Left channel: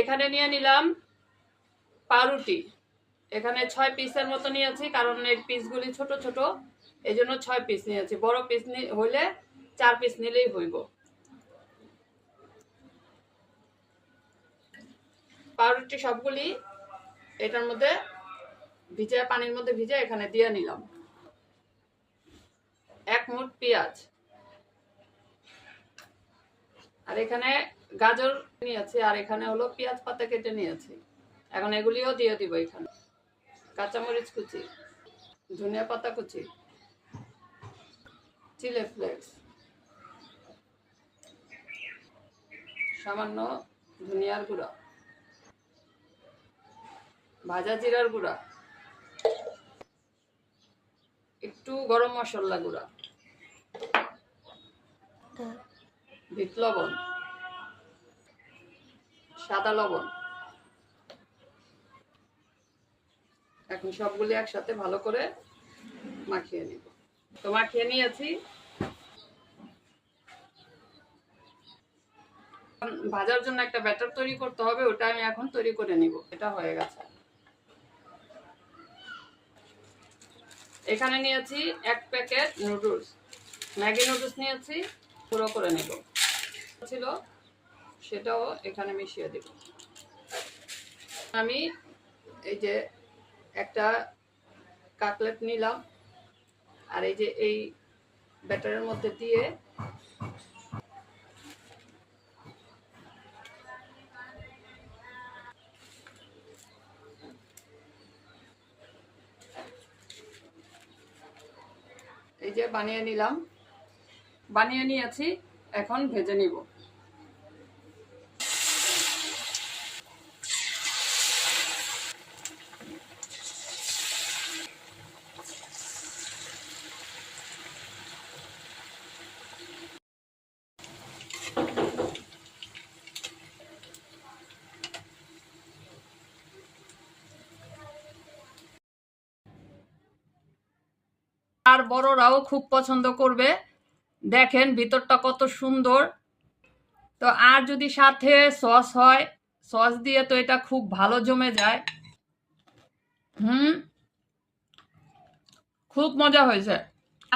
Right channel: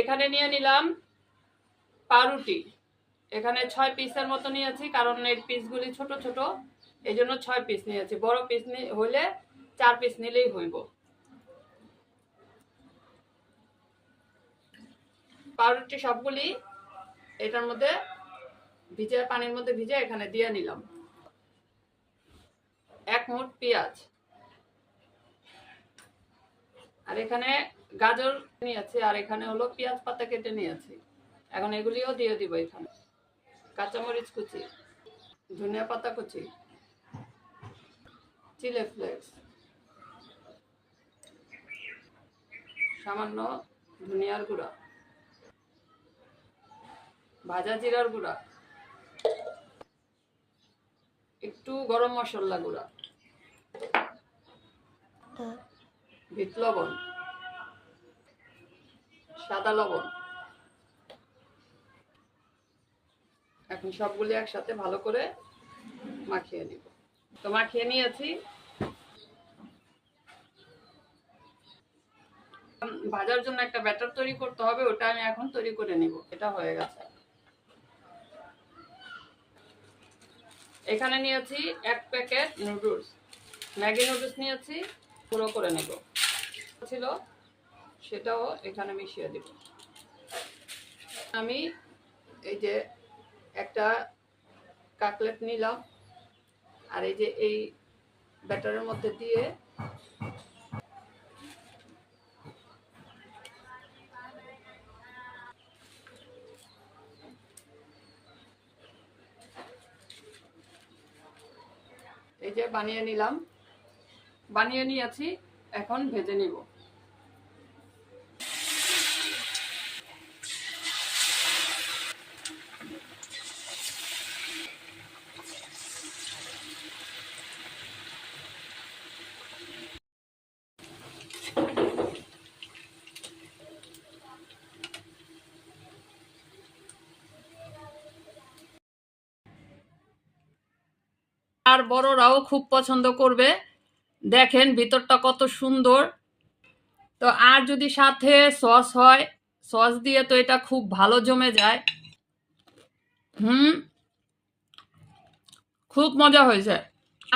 এখানে নিয়ে নিলাম পাউরুটি। এখানে 6 পিসের মতো নিয়েছি, কারণ এই পিসগুলি ছোট ছোট, এই জন্য 6 পিস নিয়েছি। বড় পিস হইলে 4 পিস নিলেই হইব। পাউরুটি সবগুলি এটার মধ্যে ভিজে, পানির মধ্যে ভিজে এখানে দিয়ে নিলাম। 1 মুঠ পেঁয়াজ, আর এখানে গাজর নিয়েছি, আর এখানে হলো পেঁয়াজ পাতা কেটে নিয়েছি। এখন এগুলিও দিয়ে দিব এখানে। কাঁচামরিচ কুচি, ধনিয়া পাতা কুচি, চিলি ফ্লেক্স, সামান্য ধনিয়ার গুঁড়া, ভাজা জিরার গুঁড়া, একটু গরম মশলা গুঁড়া, বিট লবণ, সাদা লবণ। এখন সবগুলি একসাথে ভালো করে মাখিয়ে নিব। তো মাখিয়ে নিয়েছি। ভাজার জন্য একটা ব্যাটার তৈরি করতে হবে, ওটা আমি এখন তৈরি করে নিব। এটা হয়ে গেছে। এখানে নিয়েছি 1 প্যাকেট নুডলস, ম্যাগি নুডলস নিয়েছি, গুঁড়ো করে নেব ছিল, সেটাও এখানে মিশিয়ে দেব। আমি এই যে একটা কাটলেট নিলাম, আর এই যে এই ব্যাটারের মধ্যে দিয়ে এই যে বানিয়ে নিলাম, বানিয়ে নিয়েছি। এখন ভেজে নিব। আর বড়রাও খুব পছন্দ করবে। দেখেন ভিতরটা কত সুন্দর। তো আর যদি সাথে সস হয়, সস দিয়ে তো এটা খুব ভালো জমে যায়। খুব মজা হয়েছে।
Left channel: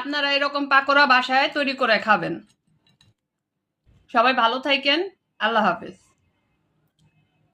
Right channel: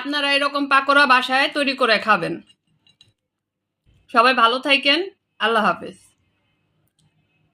আপনারা এরকম পাকোড়া বাসায় তৈরি করে খাবেন। সবাই ভালো থাকেন। আল্লাহ হাফেজ।